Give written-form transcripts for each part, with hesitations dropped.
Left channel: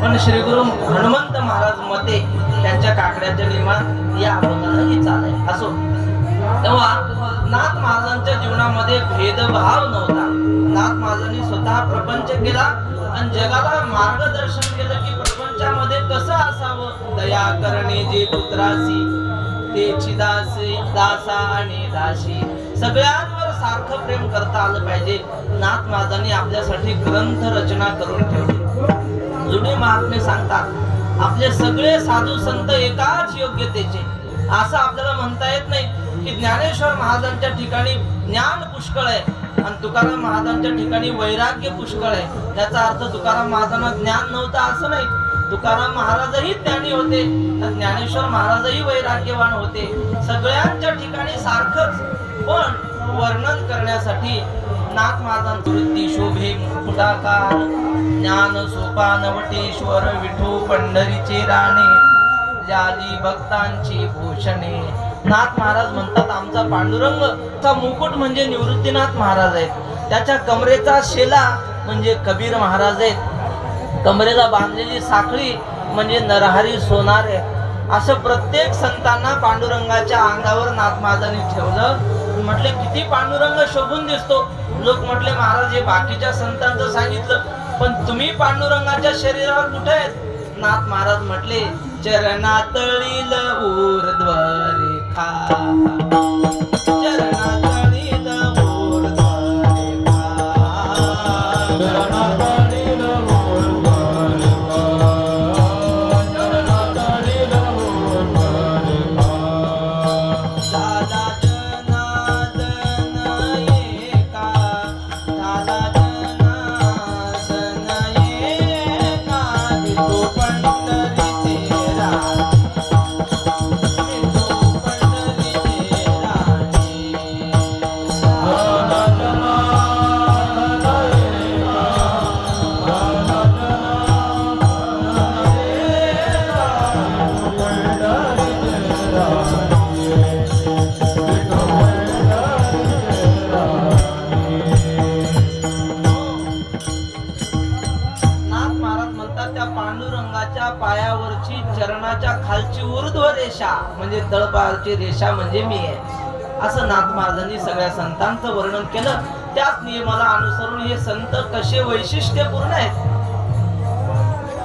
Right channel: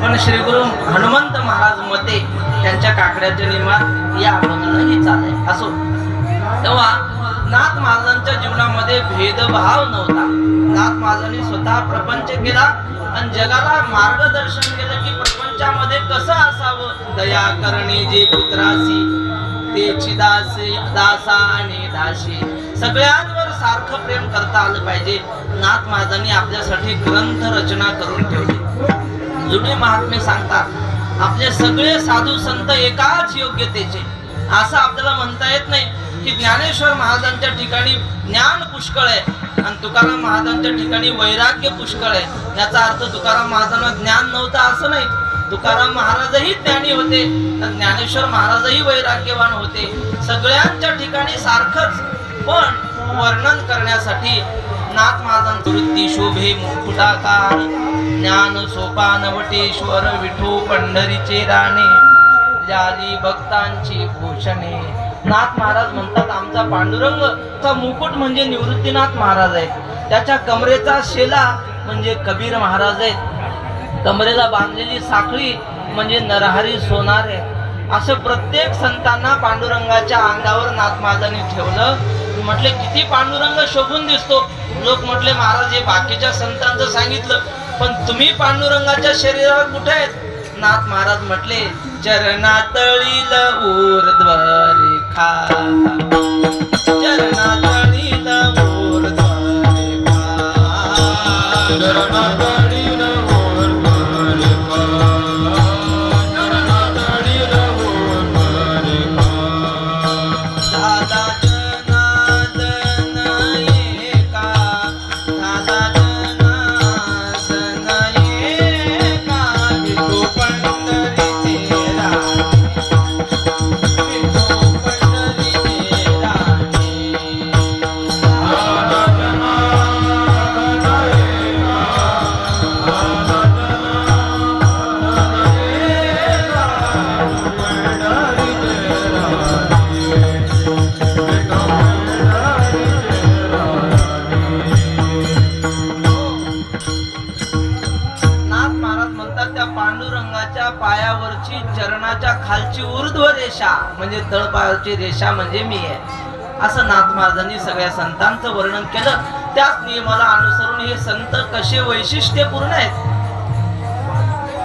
पण श्री गुरु हनुमंत महाराज मते त्यांच्या काकड्याच्या नियमात या अगोदरही चालय असो. तेव्हा नाथ महाराजांच्या जीवनामध्ये भेदभाव नव्हता. नाथ महाराजांनी स्वतः प्रपंच केला आणि जगाला मार्गदर्शन केलं की प्रपंचामध्ये कसं असावं. दया करणे जे पुत्रासी तेची दासी दासा आणि दासी, सगळ्यांवर सारखं प्रेम करता आलं पाहिजे. नाथ महाराजांनी आपल्यासाठी ग्रंथ रचना करून ठेवली. जुने महात्मे सांगतात आपले सगळे साधू संत एकाच योग्यतेचे. असं आपल्याला म्हणता येत नाही की ज्ञानेश्वर महाराजांच्या ठिकाणी ज्ञान पुष्कळ आहे आणि तुकाराम महाराजांच्या ठिकाणी वैराग्य पुष्कळ आहे. याचा अर्थ तुकाराम महाराजांना ज्ञान नव्हतं असं नाही. तुकाराम महाराजही ज्ञानी होते, ज्ञानेश्वर महाराजही वैराग्यवान होते. सगळ्यांच्या ठिकाणी सारखंच, पण वर्णन करण्यासाठी नाथ महाराजांची वृत्ती शोभे मुकुटाकार, ज्ञान सोपान वटेश्वर विठू पंढरीचे राणे, जाली भक्तांची भूषणे. नाथ महाराज म्हणतात आमचा पांडुरंग चा मुकुट म्हणजे निवृत्तीनाथ महाराज आहेत. त्याच्या कमरेचा शेला म्हणजे कबीर महाराज आहेत. कमरेला बांधलेली साखळी म्हणजे नरहरी सोनार आहे. असं प्रत्येक संतांना पांडुरंगाच्या अंगावर नाथ महाराजांनी ठेवलं. म्हटले किती पांडुरंग शोभून दिसतो. लोक म्हटले महाराज हे बाकीच्या संतांचं सांगितलं, पण तुम्ही पांडुरंगाच्या शरीरावर कुठे आहेत. नाथ महाराज म्हटले चरणातळील ऊर्ध्व रेखा, चरणातळील ऊर्ध्व रेखा, चरणातळील ऊर्ध्व रेखा, चरणातळील ऊर्ध्व रेखा. झाला जनार्दन एका, झाला जनार्दन एका, विठू पंढरीचे राणे, विठू पंढरीचे राणे. झाला जनार्दन एका, झाला जनार्दन एका, विठू पंढरीचे राणे, विठू पंढरीचे राणे. नाथ महाराज म्हणतात त्या पांडुरंगाच्या पायावरची चरणाच्या खालची ऊर्ध्व रेषा म्हणजे तळपायाची रेषा म्हणजे मी आहे. असं नाथ महाराजांनी सगळ्या संतांचं वर्णन केलं. त्याच नियमाला अनुसरून हे संत कसे वैशिष्ट्यपूर्ण आहेत.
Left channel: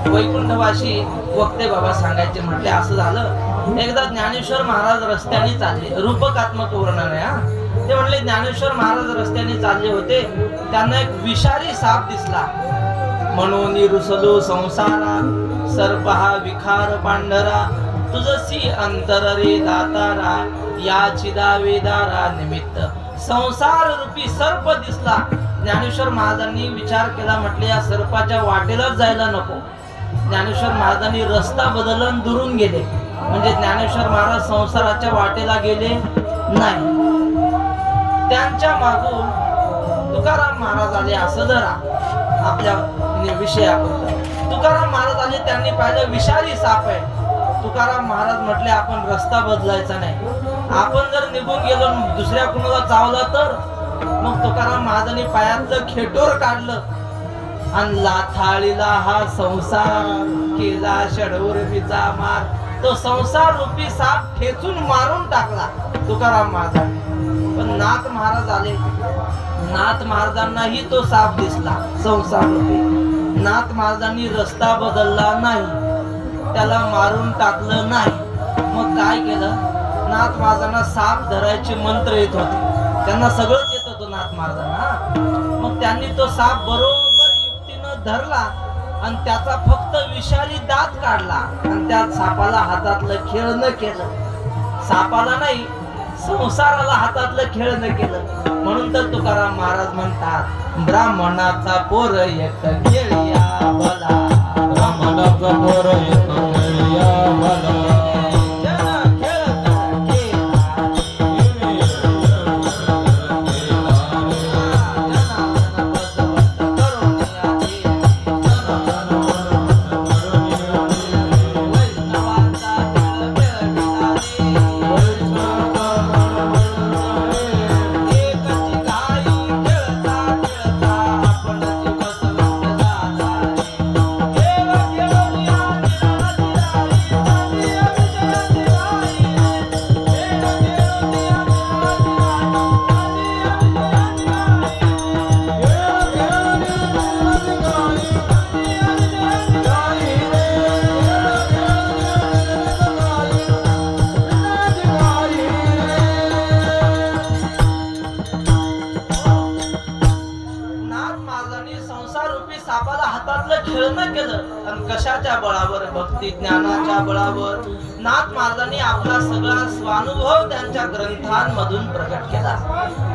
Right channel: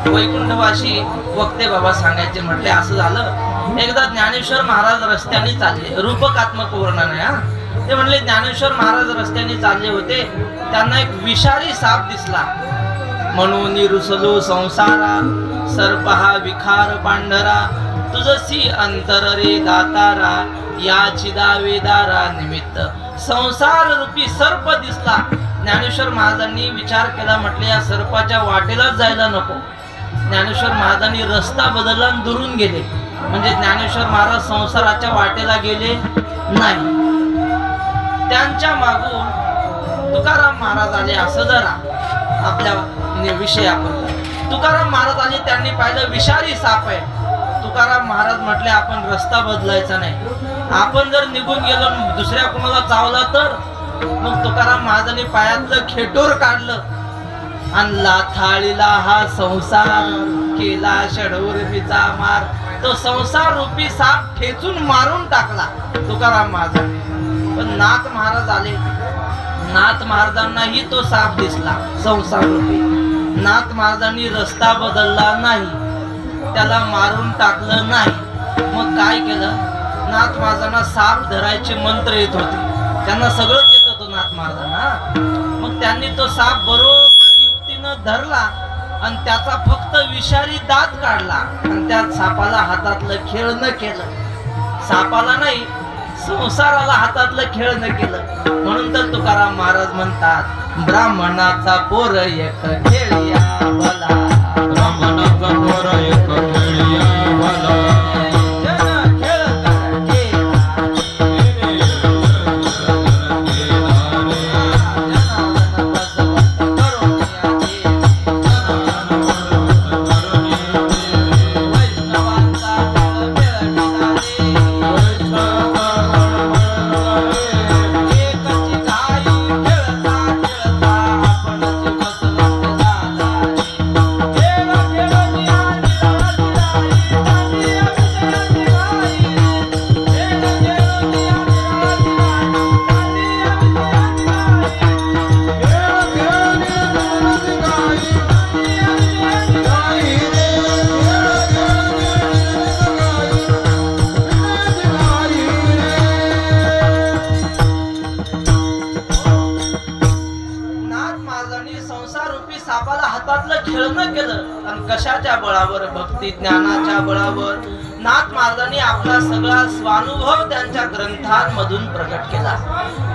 वैकुंठवासी वक्ते बाबा सांगायचे म्हटले असं झालं. एकदा ज्ञानेश्वर महाराज रस्त्याने चालले, रूपकात्मक वर्णन आहे हा. ते म्हणले ज्ञानेश्वर महाराज रस्त्याने चालले होते, त्यांना एक विषारी साप दिसला. म्हणून रुसलो संसारा, सर्प हा विखार पांढरा, तुझसी अंतर रे दातारा, या चिदा वेदारा निमित्त. संसार रूपी सर्प दिसला. ज्ञानेश्वर महाराजांनी विचार केला, म्हटले या सर्पाच्या वाटेलाच जायला नको. ज्ञानेश्वर महाराजांनी रस्ता बदलला आणि दुरून गेले. म्हणजे ज्ञानेश्वर महाराज संसाराच्या वाटेला गेले नाही. त्यांच्या मागून तुकाराम महाराज आले. असं जरा आपल्या विषयावर तुकाराम महाराज आले. त्यांनी पाहिलं विषारी साप आहे. तुकाराम महाराज म्हटले आपण रस्ता बदलायचा नाही. आपण जर निघून गेलो दुसऱ्या कुणाला चावला तर. मग तुकाराम महाराजांनी पायातलं खेटोर काढलं आणि लाथाळीला हा संसार केला षडूर्मीचा मार. तो संसार रूपी साप ठेचून मारून टाकला तुकाराम महाराजांनी. पण नाथ महाराज आले. नाथ महाराजांनाही तो साप दिसला संसार रूपी. नाथ महाराजांनी रस्ता बदलला नाही, त्याला मारून टाकलं नाही. मग काय केलं, नाथ महाराजांना साप धरायचे मंत्र येत होते. त्यांना सगळंच येत होतं नाथ महाराजांना. मग त्यांनी तो साप बरोबर युक्तीनं धरला आणि त्याचा फक्त विषारी दात काढला आणि त्या सापाला हातातलं खेळणं केलं. सापाला नाही, संसाराला हातातलं खेळणं केलं. म्हणून तर तुकाराम महाराज म्हणतात ब्राह्मणाचा पोर एक खेळिया भला, ब्राह्मणाचा पोर एक खेळिया भला. आणि कशाच्या बळावर? भक्ती ज्ञानाच्या बळावर नाथ महाराजांनी आपला सगळा स्वानुभव त्यांच्या ग्रंथांमधून प्रकट केला.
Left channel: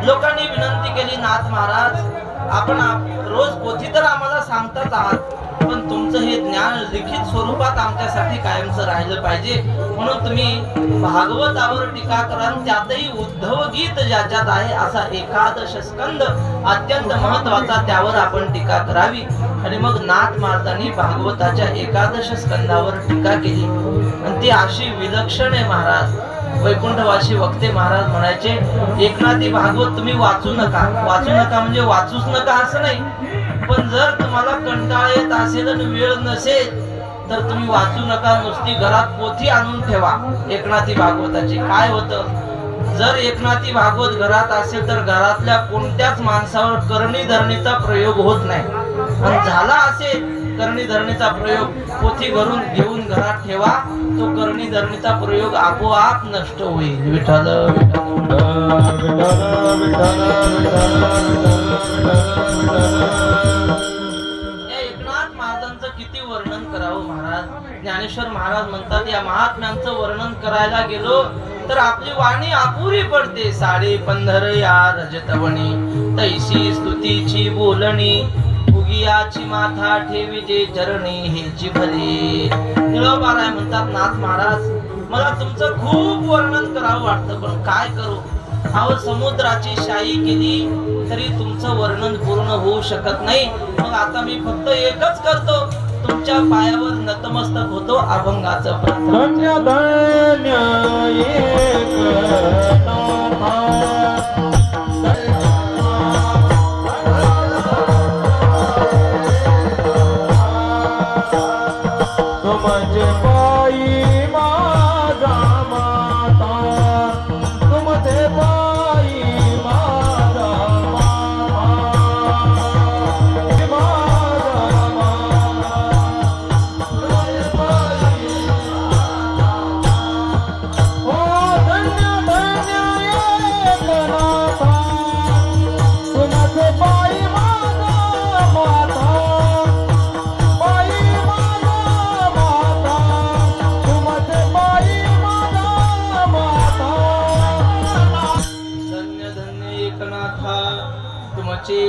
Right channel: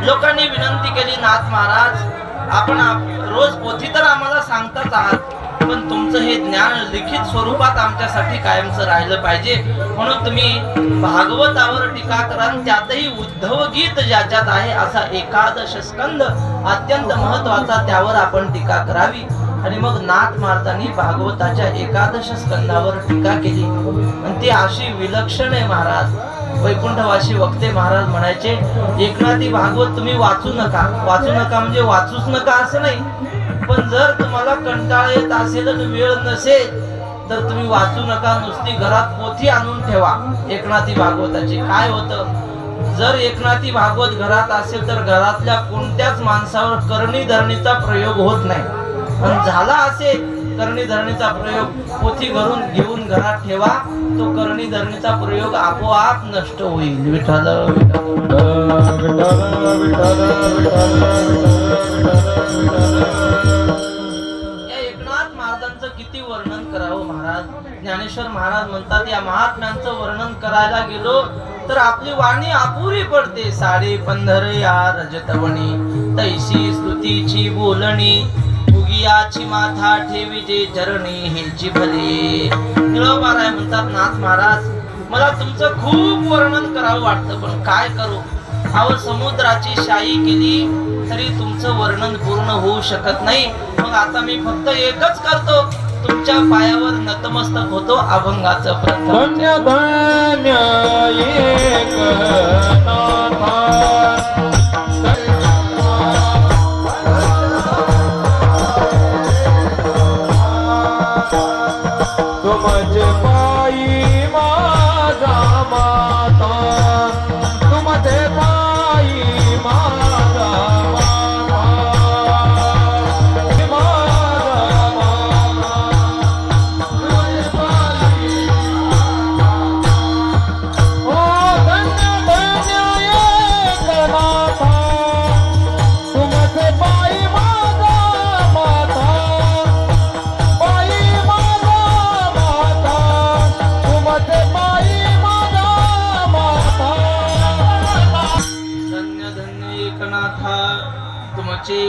लोकांनी विनंती केली, नाथ महाराज आपण रोज पोथी तर आम्हाला सांगताच आहात, पण तुमचं हे ज्ञान लिखित स्वरूपात आमच्यासाठी कायमचं राहिलं पाहिजे, म्हणून तुम्ही भागवतावर टीका करा. त्यातही उद्धव गीत ज्याच्यात आहे असा एकादश स्कंद अत्यंत महत्वाचा, त्यावर आपण टीका करावी. आणि मग नाथ महाराजांनी भागवताच्या एकादश स्कंदावर टीका केली आणि ती अशी विलक्षण आहे महाराज. वैकुंठवासी वक्ते महाराज म्हणायचे, एकनाथी भागवत तुम्ही वाचू नका. वाचू नका म्हणजे वाचूच नका असं नाही, पण जर तुम्हाला कंटाळा येत असेल आणि वेळ नसेल तर तुम्ही वाचू नका. नुसती घरात पोथी आणून ठेवा एकनाथी भागवताची. काय होतं, जर एकनाथी भागवत घरात असेल तर घरातल्या कोणत्याच माणसावर करणी धरणीचा प्रयोग होत नाही. पण झाला असेल करणी धरणीचा प्रयोग, पोथी घरून घेऊन घरात ठेवा, तो करणी धरणीचा प्रयोग आपोआप नष्ट होईल. विठ्ठल या एकनाथ महाराजांचं किती वर्णन करावं महाराज. ज्ञानेश्वर महाराज म्हणतात, या महात्म्यांचं वर्णन करायला गेलो तर आपली वाणी अपुरी पडते. साडे पंधर या रजतवणी तैसी स्तुतीची बोलणी, भुगियाची माथा ठेविजे चरणी हेची भले. निळोबाराय म्हणतात, नाथ महाराज मला तुमचं खूप वर्णन करावं वाटतं, पण काय करू. अहो समुद्राची शाई केली तरी तुमचं वर्णन पूर्ण होऊ शकत नाही. मग आता मी फक्त एकच करतो, तुमच्या पायावर नतमस्तक होतो. अभंगाचं प्रथम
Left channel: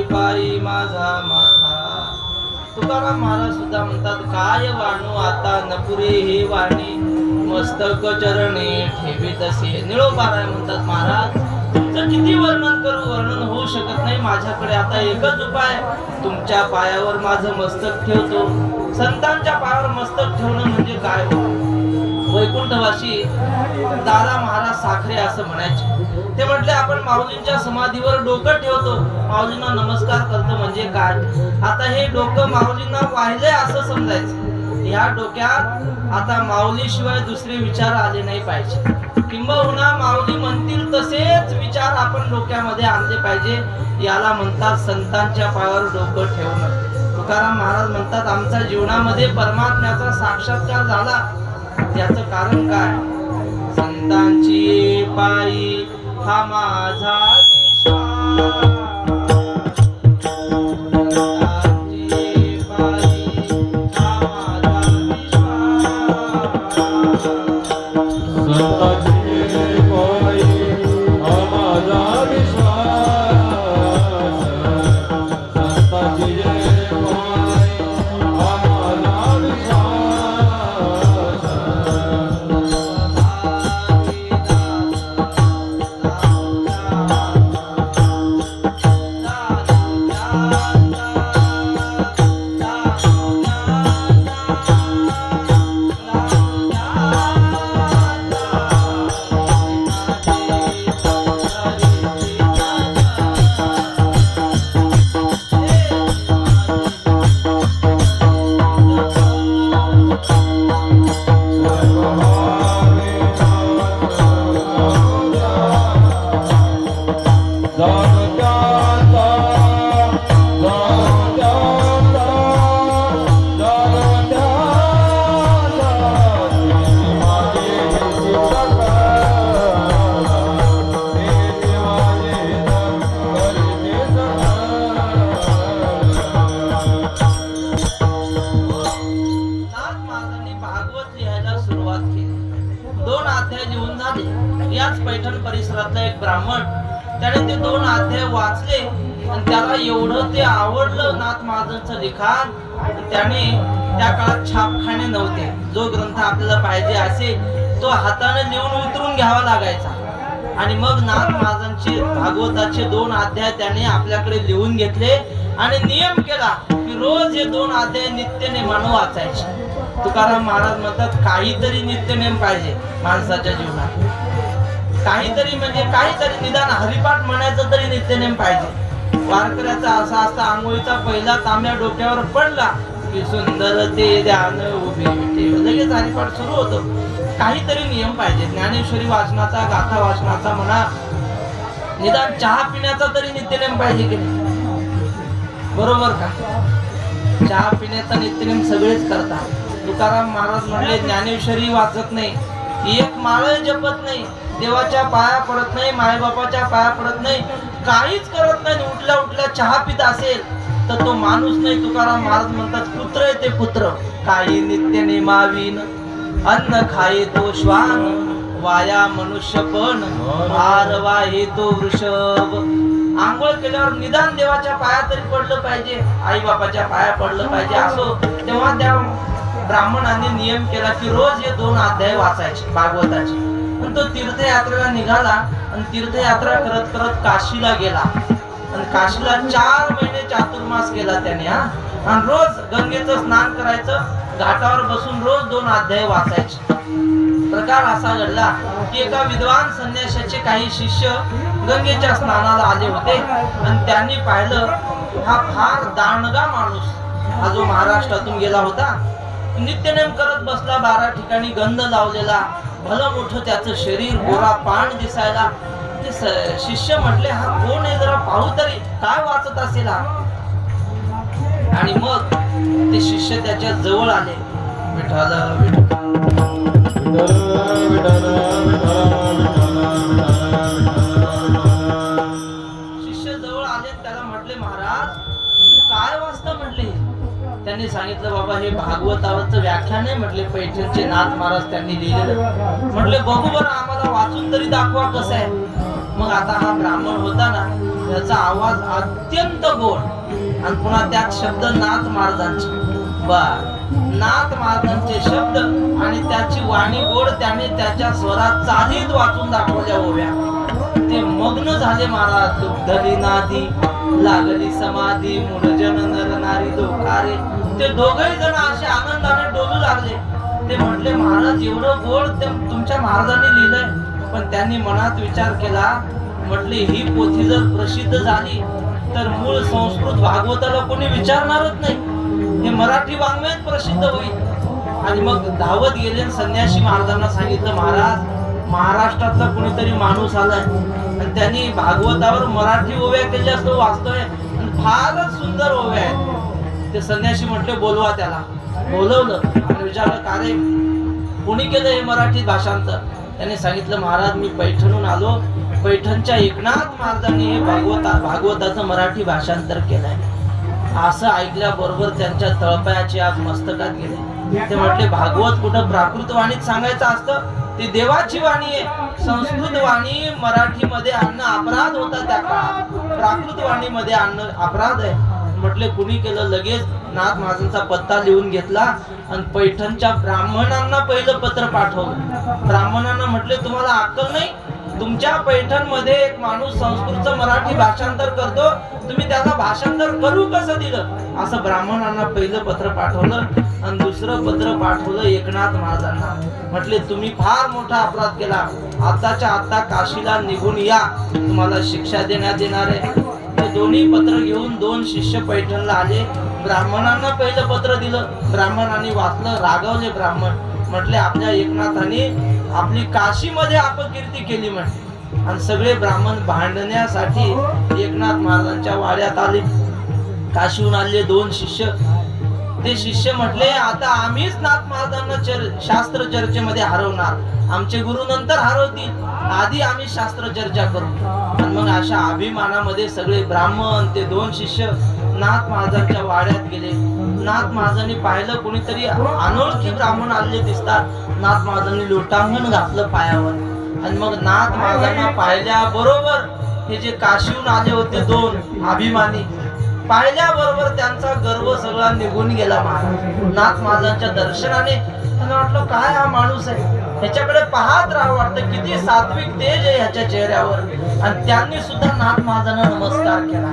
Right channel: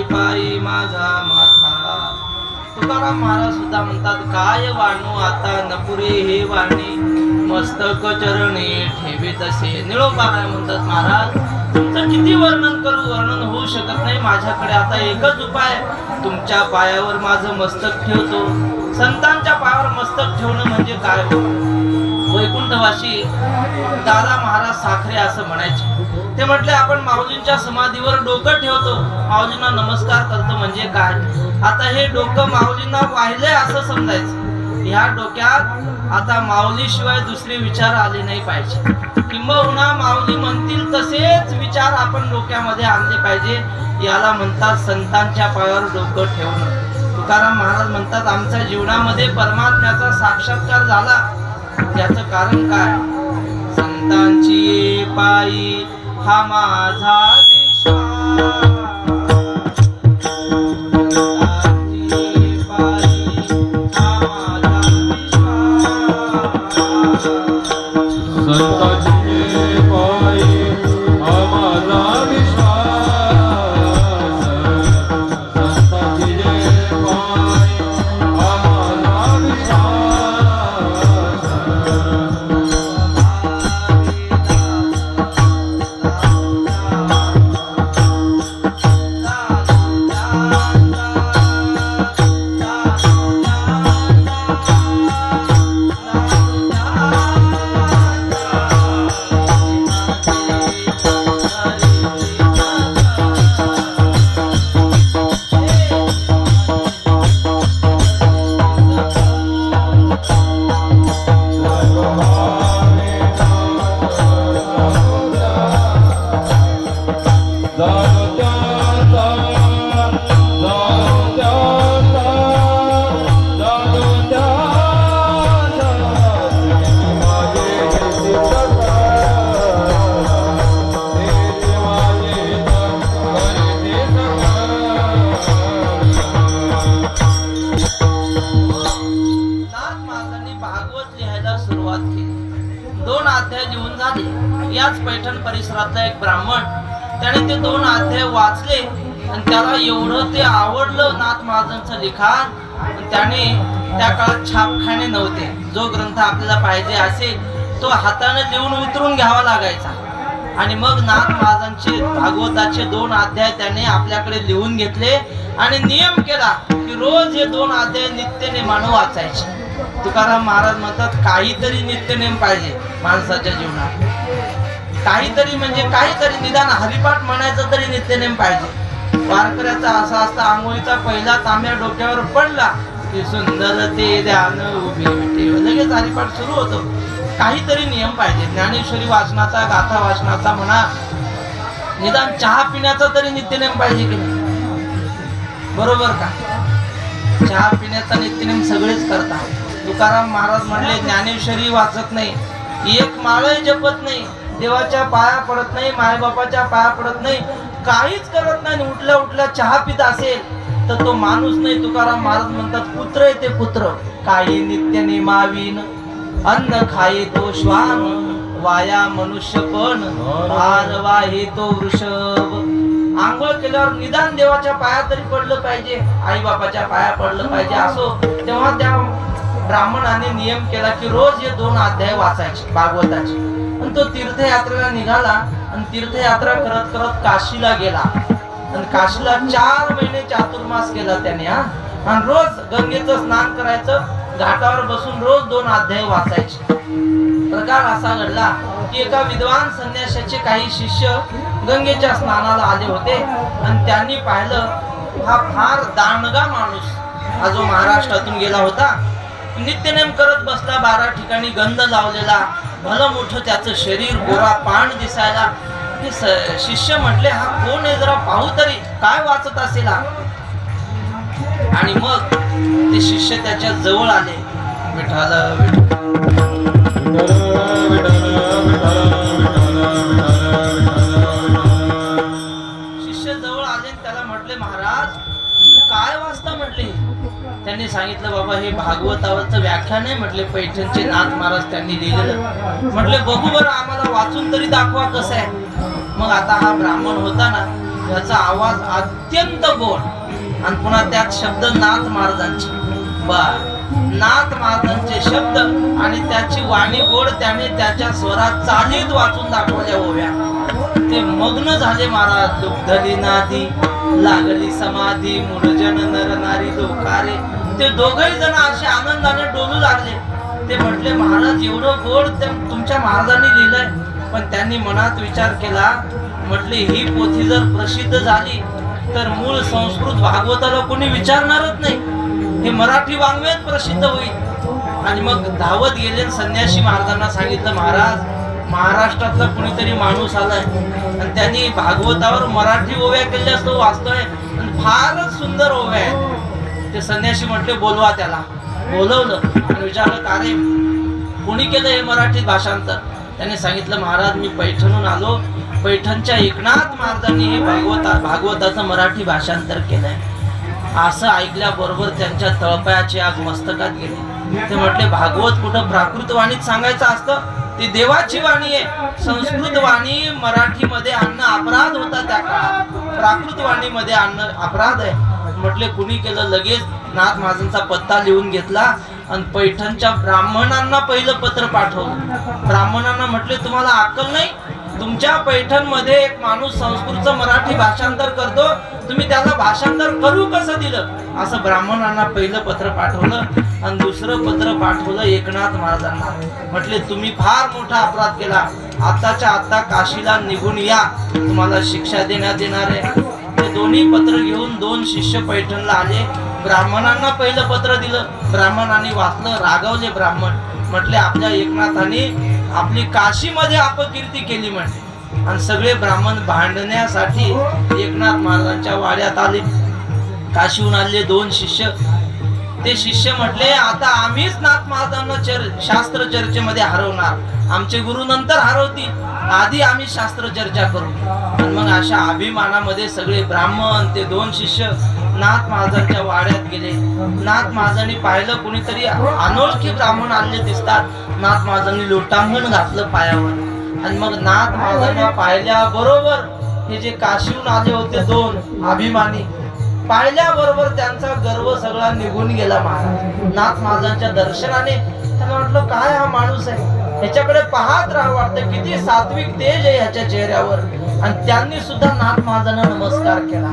पायी माझा माथा. तुकाराम महाराज सुद्धा म्हणतात, काय वाणू आता नपुरे हे वाणी, मस्तक चरणी ठेवी तसे. निळोबाराय म्हणतात, महाराज तुमचं किती वर्णन करू, वर्णन होऊ शकत नाही. माझ्याकडे आता एकच उपाय, तुमच्या पायावर माझं मस्तक ठेवतो. संतांच्या पायावर मस्तक ठेवणं म्हणजे काय हो. वैकुंठवासी दादा महाराज साखरे असं म्हणायचे. ते म्हटले, आपण माऊलींच्या समाधीवर डोकं ठेवतो, माऊलींना नमस्कार करतो म्हणजे काय. आता हे डोकं माऊलींना वाहिलंय असं समजायचं. या डोक्यात आता माऊलीशिवाय दुसरे विचार आले नाही पाहिजे, किंबहुना माऊली म्हणतील तसेच विचार आपण डोक्यामध्ये आणले पाहिजे. याला म्हणतात संतांच्या पायावर डोकं ठेवणं. तुकाराम महाराज म्हणतात, आमच्या जीवनामध्ये परमात्म्याचा साक्षात्कार झाला, त्याचं कारण काय. संतांची पायी हा माझा विश्वास, अध्याय लिहून झाले. याच पैठण परिसरातला एक ब्राह्मण त्याने ते 2 अध्याय वाचले आणि त्याला एवढं ते आवडलं नाथ महाराजांचं लिखाण. त्याने त्या काळात छापखाने नव्हते. जो ग्रंथ आपल्याला पाहिजे असेल तो हाताने लिहून वितरून घ्यावा लागायचा. आणि मग नाथ महाराजांचे भागवताचे 2 अध्याय त्याने आपल्याकडे लिहून घेतले आणि नियम केला की रोज हे 2 अध्याय नित्यनेमानं वाचायचे. तुकाराम महाराज म्हणतात काहीतरी नित्यनेम पाहिजे माणसाच्या जीवनात. काहीतरी म्हणजे काहीतरी निदान हरिपाठ म्हणायचं तरी नित्यनेम पाहिजे. वारकऱ्याचा असा असता आंघोळीचा पहिला तांब्या डोक्यावर पडला की सुंदर ते ध्यान उभे ठेव, लगेच हरिपाठ सुरू होतो. काहीतरी नियम पाहिजे. ज्ञानेश्वरी वाचनाचा, गाथा वाचनाचा म्हणा, निदान चहा पिण्याचा तरी नित्यनेम पाहिजे की नाही? बरोबर का? चहा पिण्याचा नित्यनेम सगळेच करतात. तुकाराम महाराज म्हणले ज्ञानेश्वरी वाचत नाही, एक माळही जपत नाही, देवाच्या पाया पडत नाही, मायबापाच्या पाया पडत नाही, काहीच करत नाही, उठल्या उठल्या चहा पित असेल तर तो माणूस नाही. तुकाराम महाराज म्हणतात पुत्र आहे ते पुत्र. काही नित्य नेमाविन अन्न खाये तो श्वान, वाया मनुष्यपण भार वाहे तो वृषभ. आंघोळ केल्यावर निदान देवाच्या पाया तरी पडलं पाहिजे, आई बापाच्या पाया पडलं पाहिजे. असो तेव्हा त्या ब्राह्मणाने नियम केला की रोज हे 2 अध्याय वाचायचे भागवताचे. पण तो तीर्थयात्रेला निघाला आणि तीर्थयात्रा करत करत काशीला गेला आणि काशीला 4 महिने चातुर्मास केला त्याने. आणि रोज गंगेचं स्नान करायचं, घाटावर बसून रोज 2 अध्याय वाचायचे. प्रकार असा घडला की एका विद्वान संन्याशाचे काही शिष्य गंगेच्या स्नानाला आले होते आणि त्यांनी पाहिलं हा फार दांडगा माणूस, हा जो महाराष्ट्रातून गेला होता, नित्यनेम करत बसला, 12 ठिकाणी गंध लावलेला, भलं मोठं त्याचं शरीर, गोरा पाण दिसायला. शिष्य म्हटले हा कोण आहे, जरा पाहू तरी काय वाचत असेल हा. आणि मग ते शिष्य त्याच्या जवळ आले. विठ्ठल शिष्य जवळ आले, त्याला म्हटले महाराज तुम्ही काय वाचता म्हटले. त्यांनी सांगितलं बाबा हे भागवतावरचं व्याख्यान आहे म्हटले, पैठणचे नाथ महाराज त्यांनी लिहिलेलं. म्हटले बघू बरं आम्हाला वाचून तरी दाखवा कसं आहे. मग आता हा ब्राह्मण होता ना, त्याचा आवाज अत्यंत गोड आणि पुन्हा त्यात शब्द नाथ महाराजांचे. नाथ महाराजांचे शब्द आणि त्याची वाणी गोड. त्याने त्याच्या स्वरात चालीत वाचून दाखवल्या ओव्या. ते मग्न झाले महाराज. दुग्धली नादी लागली समाधी, मूळजन नर नारी दोकारे. ते दोघही जण असे आनंदाने डोलू लागले. ते म्हटले महाराज एवढं गोड ते तुमच्या महाराजांनी लिहिलंय. पण त्यांनी मनात विचार केला, म्हटले ही पोथी जर प्रसिद्ध झाली तर मूळ संस्कृत भागवताला कोणी विचारणारच नाही, हे मराठी वाङ्मयात प्रसिद्ध होईल. आणि मग धावत गेले संन्यासी महाराजांना सांगितलं महाराज महाराष्ट्रातला कुणीतरी माणूस आलाय आणि त्यांनी भागवतावर मराठी ओव्या केल्यास तो वाचतोय आणि फारच सुंदर ओव्या आहेत. ते संन्यासी म्हटले बोलवा त्याला. बोलवलं आणि विचारलं का रे कोणी केलं हे मराठी भाषांतर. त्याने सांगितलं महाराज मी पैठणहून आलो, पैठणच्या एकनाथ महाराजांनी हे भागवताचं मराठी भाषांतर केलंय. असं ऐकल्याबरोबर त्यांच्या तळपायाची आग मस्तकात गेली. ते म्हटले भागवत कुठं प्राकृत वाणीत सांगायचं असतं, ती देवाची वाणी आहे. संस्कृत वाणी मराठीमध्ये आणणं अपराध होता त्या काळात, प्राकृत वाणीमध्ये आणणं अपराध आहे. म्हटले कुणी केलं. लगेच नाथ महाराजांचा पत्ता लिहून घेतला आणि पैठणच्या ब्राह्मणांना पहिलं पत्र पाठवलं. ब्राह्मणांना म्हटले तुम्हाला अक्कल नाही, तुमच्या पैठण मध्ये एक माणूस संस्कृतचं मराठी भाषांतर करतो, तुम्ही त्याला भाषांतर करू कसं दिलं. असं ब्राह्मणांना पहिलं पत्र पाठवलं आणि दुसरं पत्र पाठवलं एकनाथ महाराजांना. म्हटले तुम्ही फार मोठा अपराध केला, आताच्या आता काशीला निघून या, तुम्हाला शिक्षा देण्यात येणार आहे. ते दोन्ही पत्र घेऊन 2 शिष्य पैठणला आले. ब्राह्मणांना पहिलं पत्र दिलं, ब्राह्मणांनी वाचलं, रागवले ब्राह्मण. म्हटले आपल्या एकनाथाने आपली काशीमध्ये अपकीर्ती केली म्हटले. आणि सगळे ब्राह्मण भांडण्यासाठी एकनाथ महाराजांच्या वाड्यात आले. काशीहून आले 2 शिष्य ते शिष्य म्हटले आता आम्हीच नाथ महाराजांना शास्त्र चर्चेमध्ये हरवणार, आमचे गुरु नंतर हरवतील, आधी आम्ही शास्त्र चर्चा करू. आणि मग अशा अभिमानामध्ये सगळे ब्राह्मण ते 2 शिष्य नाथ महाराजांच्या वाड्यात गेले. नाथ महाराजांनी पाहिलं कुणीतरी अनोळखी ब्राह्मण आलेले दिसतात. नाथ महाराजांनी लोटांगण घातलं पायावर आणि मग नाथ महाराजांना पाहिल्या बरोबर हे जे काशीहून आले होते 2 अभिमानी, पाहिल्याबरोबर त्यांचा गर्व सगळा निघून गेला. नाथ महाराजांच्या दर्शनाने त्यांना वाटलं काय हा माणूस आहे, ह्याच्याकडे पाहत राहावं वाटतं, किती सात्विक तेज आहे ह्याच्या चेहऱ्यावर. आणि त्यांनी सुद्धा नाथ महाराजांना नमस्कार केला.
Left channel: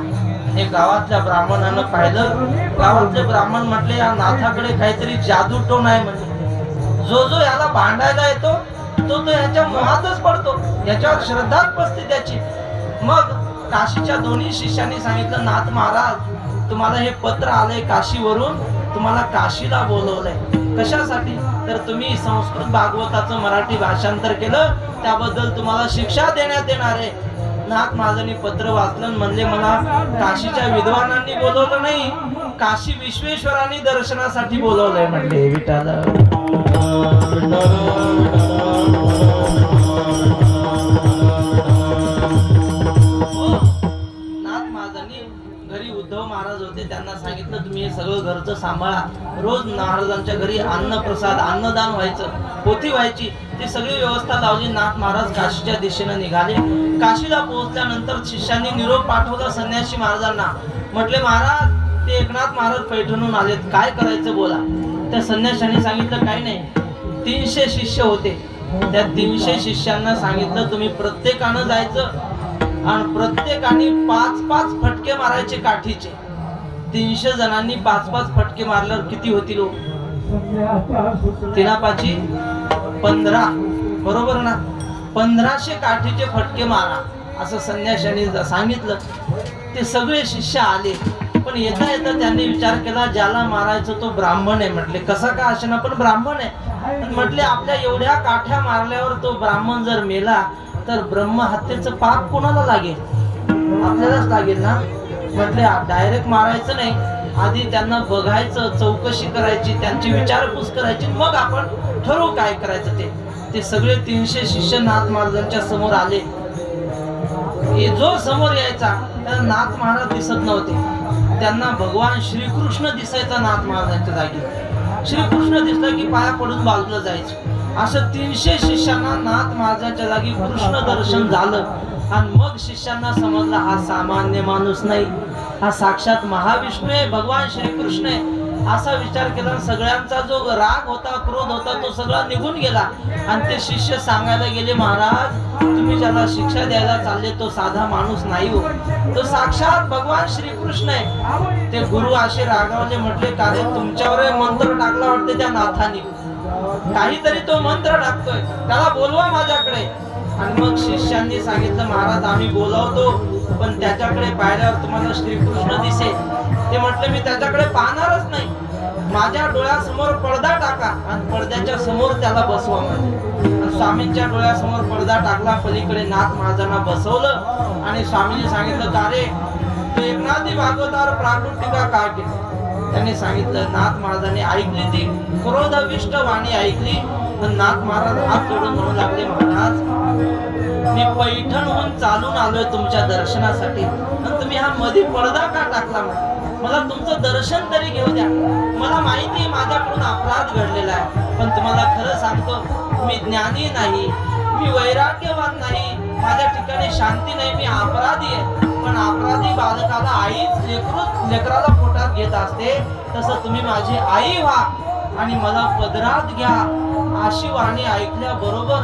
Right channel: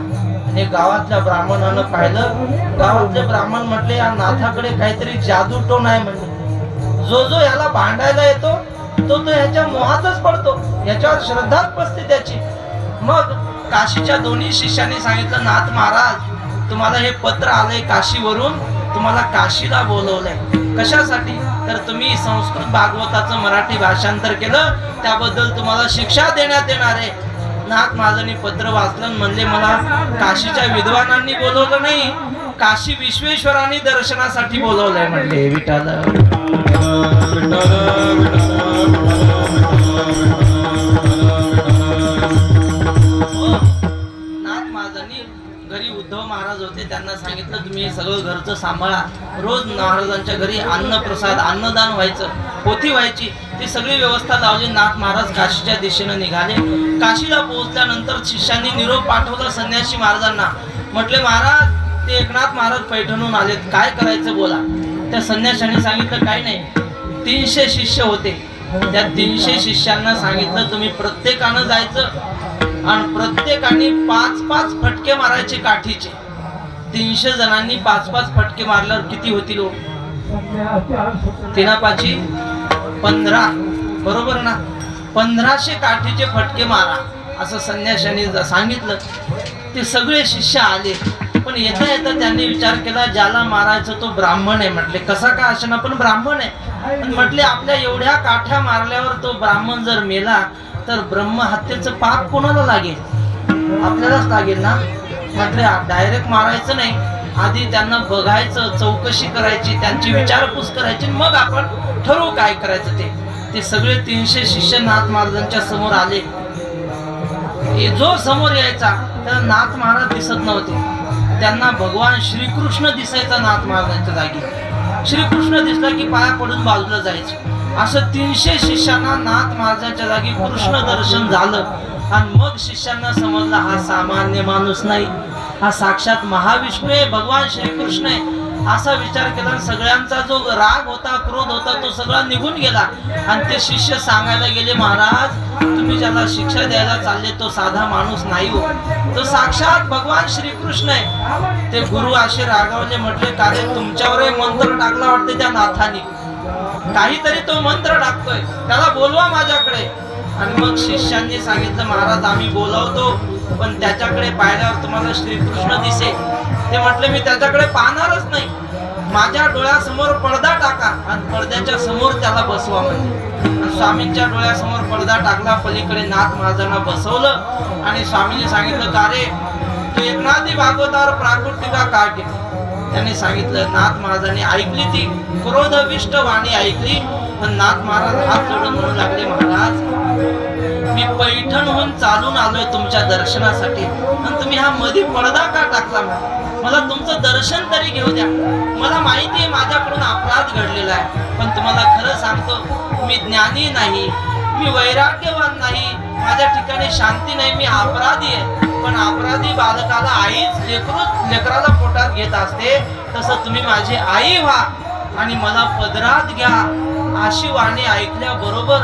हे गावातल्या ब्राह्मणानं पाहिलं. गावातले ब्राह्मण म्हटले या नाथाकडे काहीतरी जादूटोण आहे, म्हणजे जो याला भांडायला येतो तो ह्याच्या मोहातच पडतो, ह्याच्यावर श्रद्धाच बसते त्याची. मग काशीच्या 2 शिष्यांनी सांगितलं नाथ महाराज तुम्हाला हे पत्र आलंय काशीवरून, तुम्हाला काशीला बोलवलंय. कशासाठी? तर तुम्ही संस्कृत भागवताचं मराठी भाषांतर केलं, त्याबद्दल तुम्हाला शिक्षा देण्यात येणार आहे. नाथ महाराजांनी पत्र वाचलं, म्हणले मला काशीच्या विद्वानांनी बोलवलं नाही, काशी विश्वेश्वरांनी दर्शनासाठी बोलवलंय. म्हणले विठ्ठल उद्धव महाराज होते, त्यांना सांगितलं तुम्ही हे सगळं घरचं सांभाळा. रोज महाराजांच्या घरी अन्न प्रसाद अन्नदान व्हायचं, पोथी व्हायची, ती सगळी व्यवस्था लावली. नाथ महाराज काशीच्या दिशेने निघाले. काशीला पोहोचल्यानंतर शिष्यांनी निरोप पाठवला संन्यासी महाराजांना. म्हटले महाराज ते एकनाथ महाराज पैठणहून आलेत, काय करायचं बोला. त्या संन्याशांनी सांगितलं काय नाही, 300 शिष्य होते, त्या 300 शिष्यांना सांगितलं तुम्ही प्रत्येकानं जायचं आणि प्रत्येकाने 5-5 फटके मारायचे काठीचे. 300 जणांनी 5-5 फटके मारल्यावर किती होतील? 3×5=15, बरोबर ना? 1500 काठीचे फटके मारा असं संन्याशांनी सांगितलं. ते सगळे शिष्य आले, पण येता येता त्यांनी विचार केला ज्याला मारायचं तो ब्राह्मण आहे. म्हटले कसा का असेना पण ब्राह्मण आहे. म्हटले आपल्या एवढ्या काठ्या मारल्यावर तो ब्राह्मण जर मेला तर ब्रह्महत्येचं पाप कोणाला लागेल? आपल्यालाच लागेल ना. म्हटले डायरेक्ट मारायचं नाही, आधी त्यांना बघायचं, चौकशी करायची, त्यांची विचारपूस करायची, मग आपण ठरवू काय करायचं ते. ते सगळे 300 शिष्य नाथ महाराजांच्या समोर आले. जो समोर यायचा त्याला नाथ महाराज दिसत नव्हते, त्यांना भगवान श्रीकृष्ण दिसायचा. नाथ महाराजांच्या जागी श्रीकृष्ण दिसला की पाया पडून बाजूला जायचे. असं 300 शिष्यांना नाथ महाराजांच्या जागी कृष्ण दर्शन झालं. आणि मग शिष्यांना समजलं हा सामान्य माणूस नाही, हा साक्षात महाविष्णू आहे, भगवान श्रीकृष्ण आहे. असा विचार केला. सगळ्यांचा जो राग होता, क्रोध होता, तो सगळा निघून गेला. आणि ते शिष्य सांगायला गेले महाराज तुम्ही ज्याला शिक्षा द्यायला चालले तो साधा माणूस नाही हो, तो साक्षात भगवान श्रीकृष्ण आहे. ते गुरु असे रागावले. म्हटले का रे तुमच्यावर मंत्र टाकला वाटते त्या नाथाने, काहीतरी तो मंत्र टाकतोय, त्याला बोलवा माझ्याकडे. आणि मग शिष्यांनी सांगितलं महाराज आम्ही बोलावतो, पण त्याच्याकडे पाहिल्यावर तुम्हाला श्रीकृष्ण दिसेल. ते म्हटले मी त्याच्याकडे पाहणारच नाही, माझ्या डोळ्यासमोर पडदा टाका आणि पडद्याच्या समोर त्याला बसवा. म्हणजे स्वामींच्या डोळ्यासमोर पडदा टाकला, पलीकडे नाथ महाराजांना बसवलं आणि स्वामींनी सांगितलं का रे तू एकनाथी भागवतावर प्राकृत टीका का केली? त्याने सांगितलं नाथ महाराजांनी ऐकली, ती क्रोधविष्ट वाणी ऐकली. पण नाथ महाराज हात जोडून म्हणू लागले महाराज मी पैठणहून चालून आलोय तुमच्या दर्शनासाठी, पण तुम्ही हा मध्ये पडदा का टाकला? मला तुमचं दर्शन तरी घेऊ द्या. मला माहिती आहे माझ्याकडून अपराध घडलेला आहे, पण तुम्हाला खरं सांगतो मी ज्ञानी नाही, मी वैराग्यवान नाही, माझ्या ठिकाणी शांती नाही, मी अपराधी आहे. पण अपराधी बालकाला आईच लेकराला पोटात घेत असते, तसं तुम्ही माझी आई व्हा आणि मला पदरात घ्या. अशी वाणी ऐकल्या बरोबर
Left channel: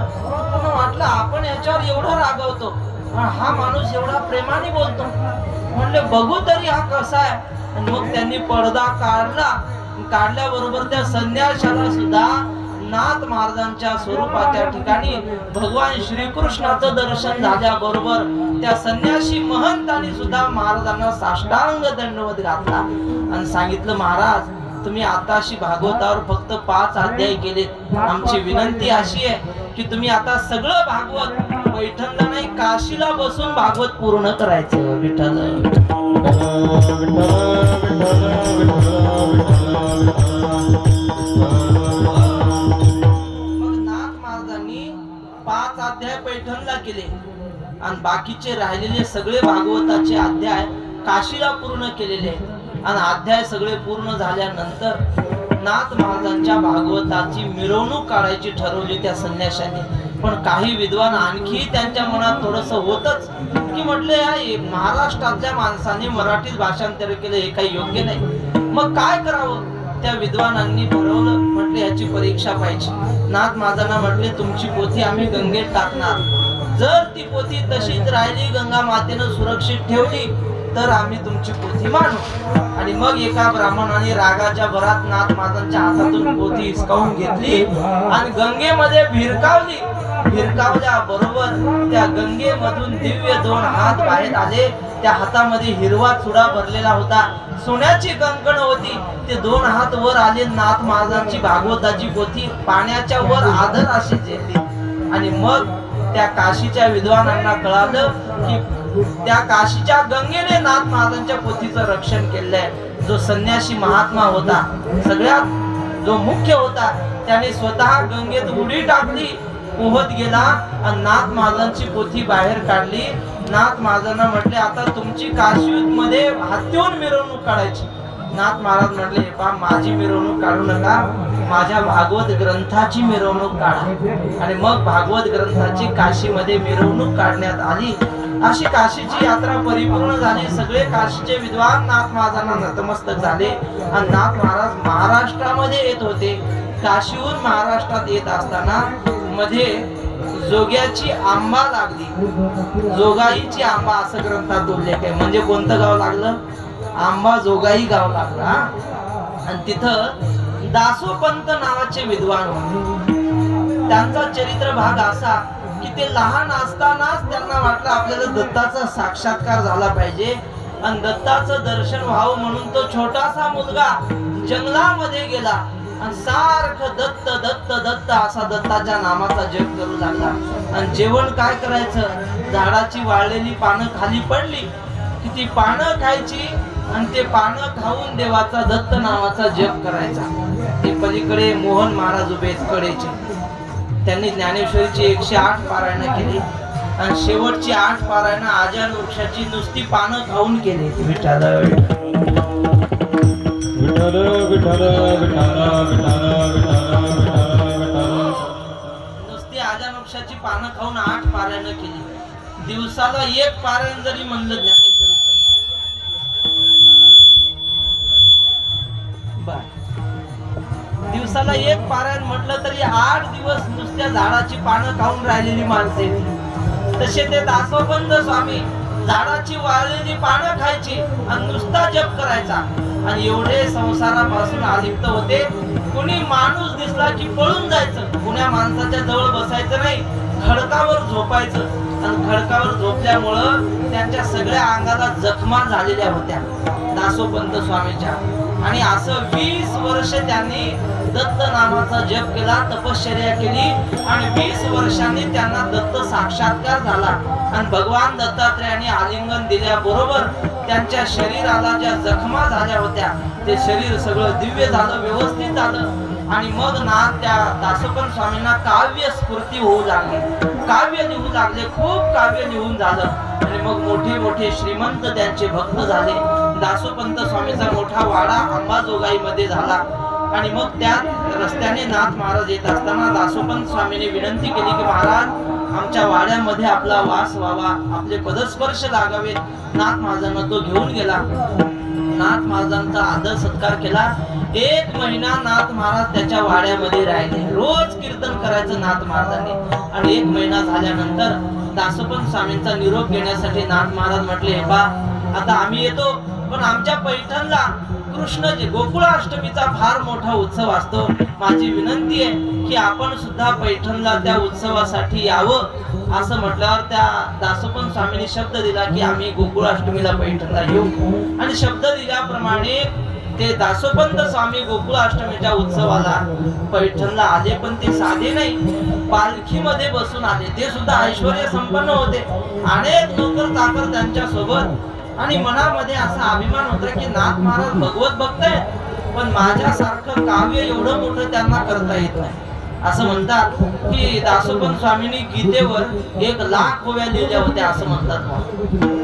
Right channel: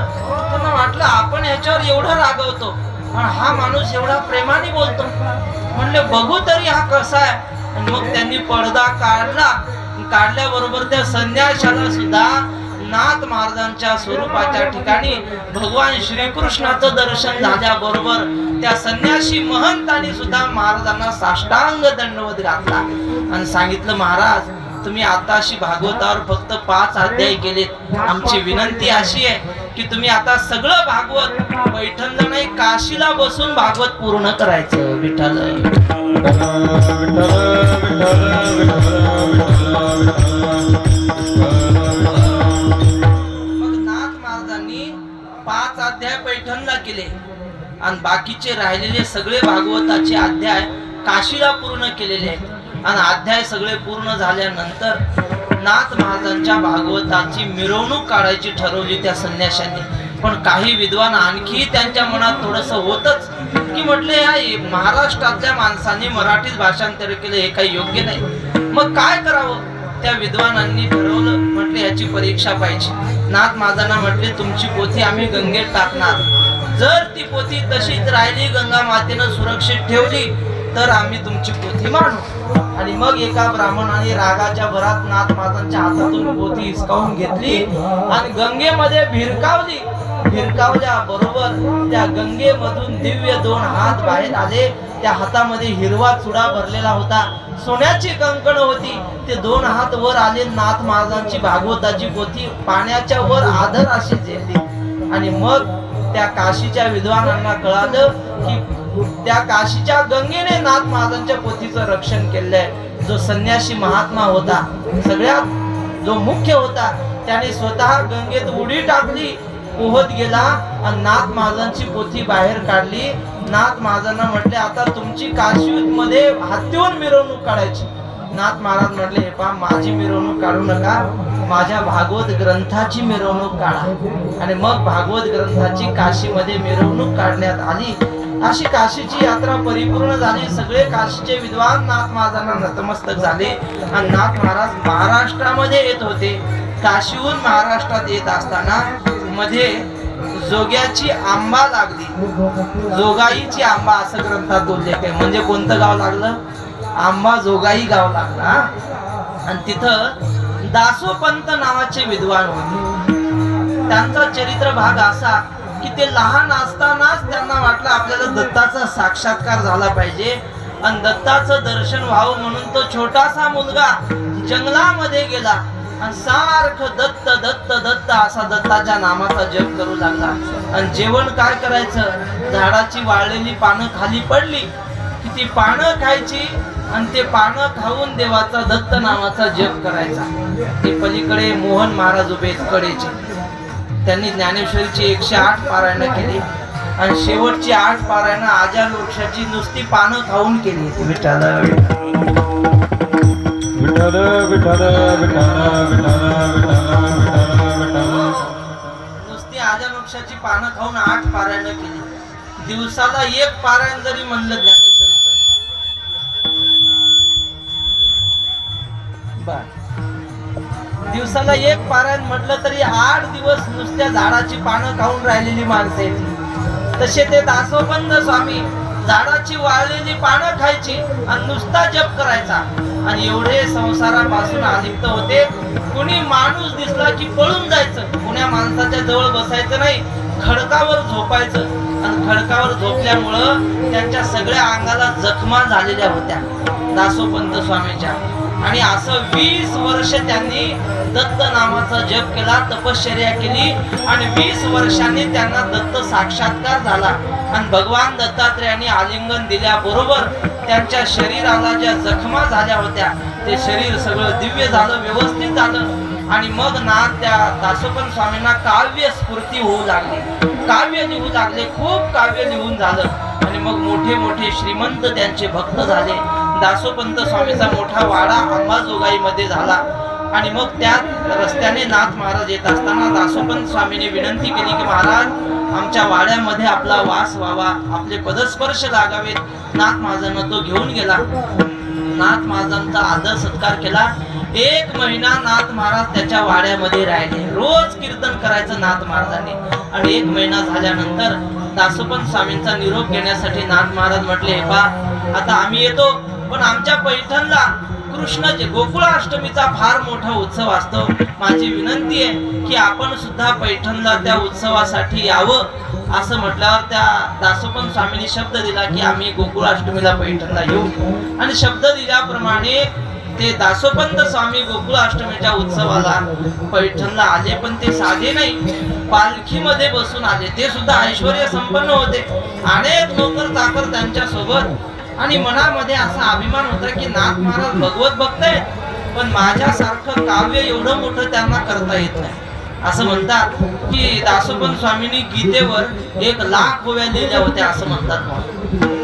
त्यांना वाटलं आपण ह्याच्यावर एवढं रागवतो पण हा माणूस एवढा प्रेमाने बोलतो. म्हणले बघू तरी हा कसा आहे. आणि मग त्यांनी पडदा काढला. काढल्याबरोबर त्या संन्याशाला सुद्धा नाथ महाराजांच्या स्वरूपाच्या ठिकाणी भगवान श्रीकृष्णाचं दर्शन झाल्याबरोबर त्या संन्यासी महंतांनी सुद्धा महाराजांना साष्टांग दंडवत घातला आणि सांगितलं महाराज तुम्ही आताशी भागवतावर फक्त 5 अध्याय केलेत. आमची विनंती अशी आहे की तुम्ही आता सगळं भागवत पैठणला नाही काशीला बसून भागवत पूर्ण करायचं. विठ्ठल मग नाथ महाराजांनी 5 अध्याय पैठणला केले आणि बाकीचे राहिलेले सगळे भागवताचे अध्याय काशीला पूर्ण केलेले आहेत. आणि अध्याय सगळे पूर्ण झाल्यानंतर नाथ महाराजांच्या भागवताची मिरवणूक काढायची ठरवली त्या संन्याशांनी. पण काही विद्वान आणखी त्यांच्या मनात थोडस होतच की म्हटले या महाराष्ट्रातल्या माणसांनी मराठीत भाषांतर केलं हे काही योग्य नाही. मग काय करावं? त्या विद्वानांनी ठरवलं, म्हटले याची परीक्षा पाहिजे. नाथ महाराजांना म्हटले तुमची पोथी आम्ही गंगेत टाकणार, जर ती पोथी तशीच राहिली गंगा मातेनं सुरक्षित ठेवली तर आम्ही तुमची पोथी मानू. आणि मग एका ब्राह्मणाने रागाच्या भरात नाथ महाराजांच्या हातातून पोथी हिसकावून घेतली आणि गंगेमध्ये भिरकावली. भिरकावल्या बरोबर त्या गंगेमधून दिव्य 2 हात बाहेर आले. त्या हातामध्ये हिरवा चुडा भरलेला होता, सोन्याची कंकण होती. ते 2 हात वर आले. नाथ महाराजांची भागवताची पोथी पाण्याच्या वर आदर अशी झेलली. आणि मग त्या काशीच्या विद्वानांना कळालं की त्या काशीच्या गंगेने नाथ महाराजांच्या पोथीचं रक्षण केलंय. जो संन्यासी महात्मा होता, सगळ्यात जो मुख्य होता, त्याने स्वतः गंगेत उडी टाकली, पोहत गेला आणि नाथ महाराजांची पोथी बाहेर काढली. नाथ महाराजांना म्हटले आता तुमची काशीमध्ये हत्तीहून मिरवणूक काढायची. नाथ महाराज म्हटले हे पहा, माझी मिरवणूक काढू नका, माझ्या भागवत ग्रंथाची मिरवणूक काढा. आणि मग भागवत ग्रंथाची काशीमध्ये मिरवणूक काढण्यात आली. अशी काशीची यात्रा परिपूर्ण झाली. सगळे काशीचे विद्वान नाथ महाराजांना नतमस्तक झाले. आणि नाथ महाराज महाराष्ट्रामध्ये येत होते. काशीहून महाराष्ट्रात येत असताना मध्ये जोग्याची आंबा लागली. जोगाईची आंबा असं ग्रंथात उल्लेख आहे. म्हणजे कोणतं गाव लागलं? आंबा जोगाई गाव लागला. आणि तिथं दासोपंत नावाचे विद्वान होते. त्यांचा चरित्र भाग असा की ते लहान असतानाच त्यांना वाटलं आपल्याला दत्ताचा साक्षात्कार झाला पाहिजे आणि दत्ताचं दर्शन व्हावं म्हणून तो छोटासा मुलगा जंगलामध्ये गेला आणि सारखं दत्त दत्त दत्त असा दत्ताच्या नामाचा जप करू लागला. आणि जेवण काय करायचं? झाडाची वाळलेली पानं खाली पडली की ती पानं खायची आणि ते पानं खाऊन देवाचा दत्त नावाचा जप करायचा. ते पलीकडे मोहन महाराज उभे कडेचे. त्यांनी ज्ञानेश्वरीची 108 पारायणं केली आणि शेवटची 8 पारायणं आजान वृक्षाची नुसती पानं खाऊन केली. विठ्ठल विठ्ठल विठ्ठल विठ्ठल नुसती आजान वृक्षाची पानं खाऊन 8 पारायणं केली. दिवसाला 1 पारायण जरी म्हणलं ज्ञानेश्वरीचं दिवसाला 1 पारायण म्हटलं तरी 8 दिवस नुसत्या झाडाची पानं खाऊन राहिलेली माणसे. तसे ते दासोपंत स्वामी झाडाची वाळलेली पानं खायची आणि नुसता जप करायचा. आणि एवढे संसारापासून अलिप्त होते. कुणी माणूस दिसला की पळून जायचं, कुण्या माणसाच्या जवळ बसायचं नाही, खडकावर झोपायचं. आणि खडकावर झोपल्यामुळं त्यांच्या सगळ्या अंगाला जखमा झालेल्या होत्या दासोपंत स्वामींच्या. आणि असं 20 वर्ष त्यांनी दत्त नामाचा जप केला, तपश्चर्या केली. आणि 20 वर्षांनी त्यांना दत्त साक्षात्कार झाला. आणि भगवान दत्तात्रेयांनी आलिंगन दिल्याबरोबर त्यांच्या शरीराला ज्या जखमा झाल्या होत्या ते शरीर सगळं दिव्य झालं, व्यवस्थित झालं. आणि मग ना त्या दासोपंत स्वामींना काव्य स्फूर्ती होऊ लागली, काव्य लिहू लागले, खूप काव्य लिहून झालं. आणि मग मोठे मोठे श्रीमंत त्यांचे भक्त झाले. दासोपंत स्वामीचा मोठा वाडा अंबाजोगाई मध्ये झाला. आणि मग त्या रस्त्याने नाथ महाराज येत असताना दासोपंत स्वामीने विनंती केली की महाराज आमच्या वाड्यामध्ये आपला वास व्हावा, आपले पदस्पर्श लागावेत. नाथ महाराजांना तो घेऊन गेला. नाथ महाराजांचा आदर सत्कार केला. 1 महिना नाथ महाराज त्याच्या वाड्यामध्ये राहिले. रोज कीर्तन करायचं नाथ महाराजांनी. आणि 1 महिना झाल्यानंतर दासोपंत स्वामींचा निरोप घेण्यासाठी नाथ महाराज म्हटले हे बा आता आम्ही येतो, पण आमच्या पैठणला कृष्ण गोकुळाष्टमीचा फार मोठा उत्सव असतो. माझी विनंती आहे की आपण सुद्धा पैठणला त्या उत्सवासाठी यावं. असं म्हटल्यावर त्या दासोपंत स्वामींनी शब्द दिला की आम्ही गोकुळाष्टमीला पैठणला येऊ. आणि शब्द दिल्याप्रमाणे ते दासोपंत स्वामी गोकुळाष्टमीच्या उत्सवाला पैठणला आले. पण ते साधे नाही, पालखीमध्ये बसून आले. ते सुद्धा ऐश्वर्य संपन्न होते. अनेक नोकर चाकर त्यांच्या सोबत. आणि मनामध्ये असा अभिमान होता की नाथ महाराज भगवत भक्त आहेत, पण माझ्यासारखं काव्य एवढं मोठं त्यांना करता येत नाही. असं म्हणतात की दासोपंत स्वामींनी गीतेवर 1,00,000 ओव्या लिहिल्या होत्या असं म्हणतात.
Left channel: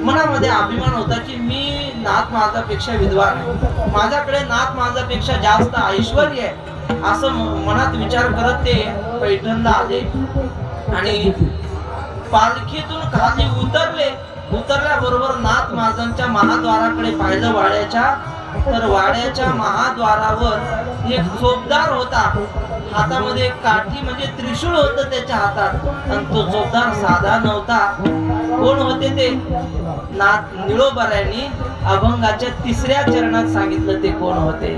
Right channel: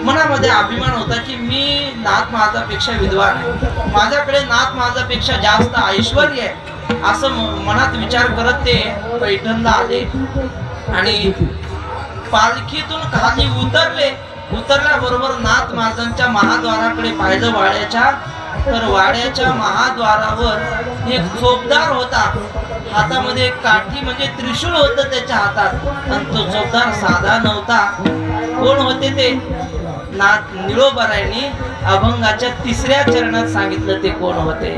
मनामध्ये अभिमान होता की मी नाथ माझापेक्षा विद्वान आहे, माझ्याकडे नाथ माझापेक्षा जास्त ऐश्वर्य आहे, असं मनात विचार करत ते पैठणला आले आणि पालखीतून खाली उतरल्याबरोबर नाथ महाराजांच्या महाद्वाराकडे पाहिलं वाड्याच्या. तर वाड्याच्या महाद्वारावर एक चोपदार होता, हातामध्ये एक काठी म्हणजे त्रिशूळ होतं त्याच्या हातात. आणि तो चोपदार साधा नव्हता. कोण होते ते? नाथ निळोबारायांनी अभंगाच्या 3ऱ्या चरणात सांगितलं ते कोण होते.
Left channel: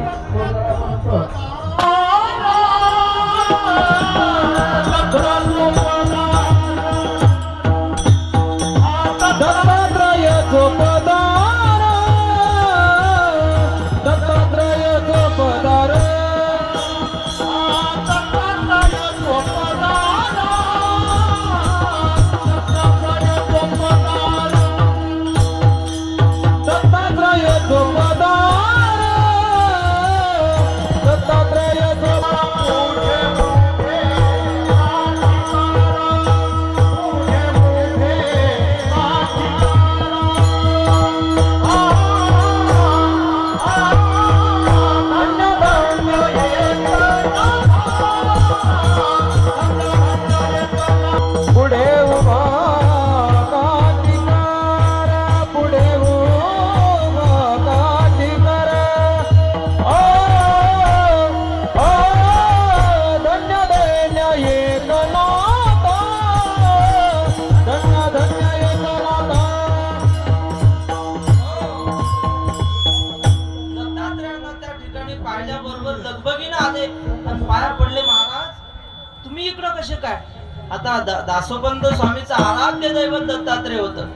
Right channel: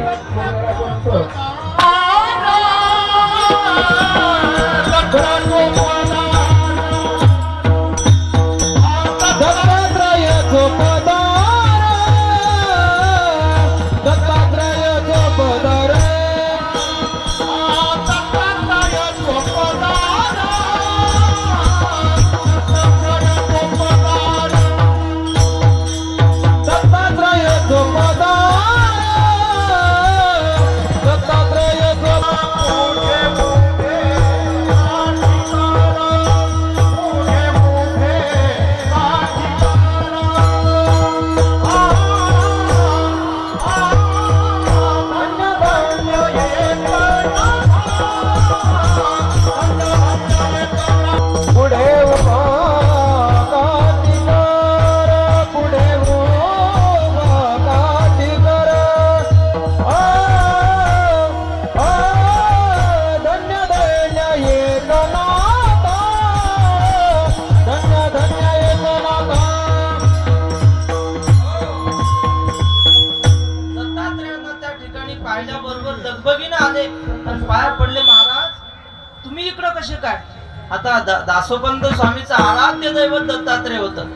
आता दासोपंत स्वामीचं आराध्य दैवत दत्तात्रय होतं.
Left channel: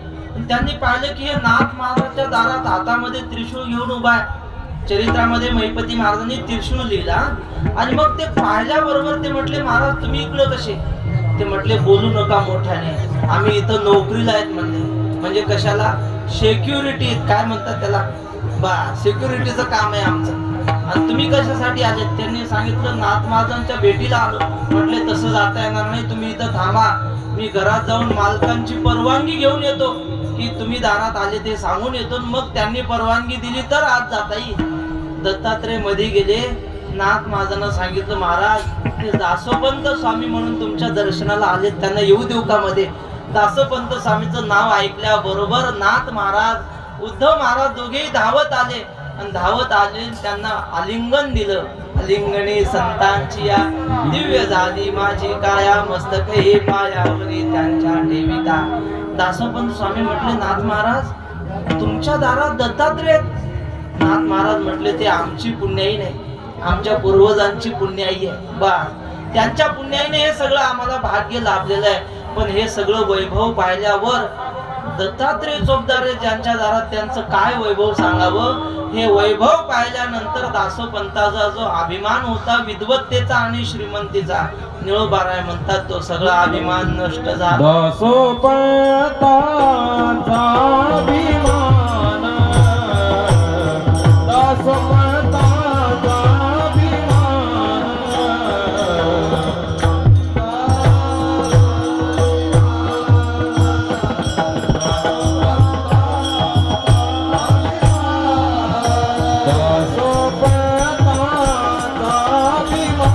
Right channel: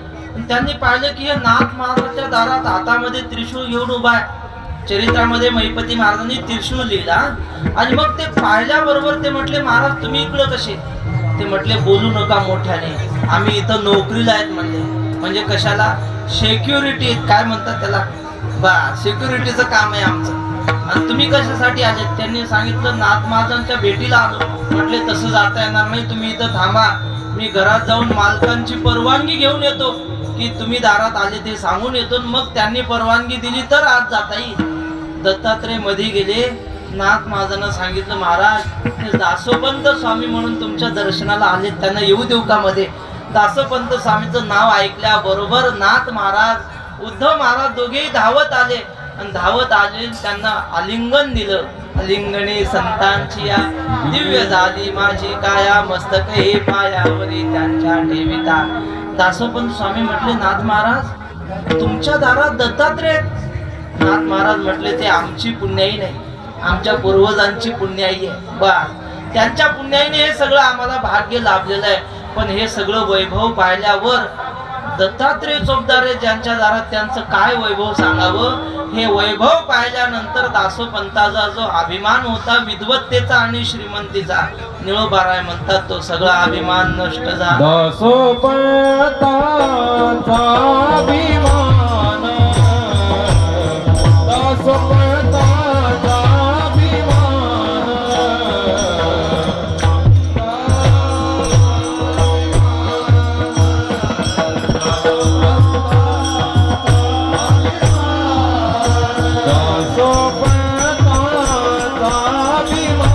त्यांनी पाहिलं की हे नाथ महाराजांच्या दारात हातामध्ये त्रिशूळ घेऊन उभा आहे. चरित्रामध्ये महिपती महाराजांनी त्रिशूळ लिहिला आणि मग ते पाहिल्याबरोबर ते म्हटले, महाराज तुम्ही इकडं कसे? ते म्हटले, बोलू नका मोठ्याने, आम्ही इथं नोकरीला आहेत म्हणले. म्हणजे कशाला? सिक्युरिटी काय म्हणतात त्याला, बा सिक्युरिटीचं काम आहे आमचं. आणि तुम्ही कशासाठी आले? त्यांनी सांगितलं, नाथ महाराजांच्या भेटीला आलो. म्हटले तसं जाता येणार नाही, तुम्ही इथं थांबा, मी घरात जाऊन मालकांची परवानगी घेऊन येतो की तुम्ही दारात आले ते सांगून येतो. मग त्यांनी परवानगी दिली तर आज जाता येईल. दत्तात्रय मध्ये गेले. नाथ महाराजांना सांगितलं, महाराज हे दासोपंत स्वामी म्हणून तुमच्या दर्शनाला आले, त्यांना येऊ देऊ का मध्ये? दासोपंत स्वामीचं नाव ऐकल्याबरोबर नाथ महाराज उद्धव महाराज दोघेही धावत आले आणि धावत आले त्यांना आलिंगन दिलं. आलिंगणी संतांची या दिव्य झाली माझी काया, मस्तक हे पायावरी त्यांच्या ठेविता. दासोपंत स्वामी म्हटले, नाथ महाराज तुमच्या दारात दत्तात्रय. नाथ महाराज म्हटले, ते आमची पुण्याई नाही, आमच्या पूर्वजांची पुण्याई आहे. बा त्यांच्या पुण्याईने हे सगळं आम्हाला भाग्य लाभलेलं आहे. पण हे सगळं वैभव पाहिल्यावर दत्तात्रय चोपदारे ज्यांच्या दारात त्यांचं काय वैभव सांगावं. हे वैभव पाहिल्यानंतर दासोपंताचा जो अभिमान होता विद्वत्तेचा आणि श्रीमंतीचा, निळोबाराय म्हणतात तो सगळा अभिमान नष्ट झाला. दासोपंताचा अभिमान, दासोपंताचा अभिमान, दासोपंताचा अभिमान.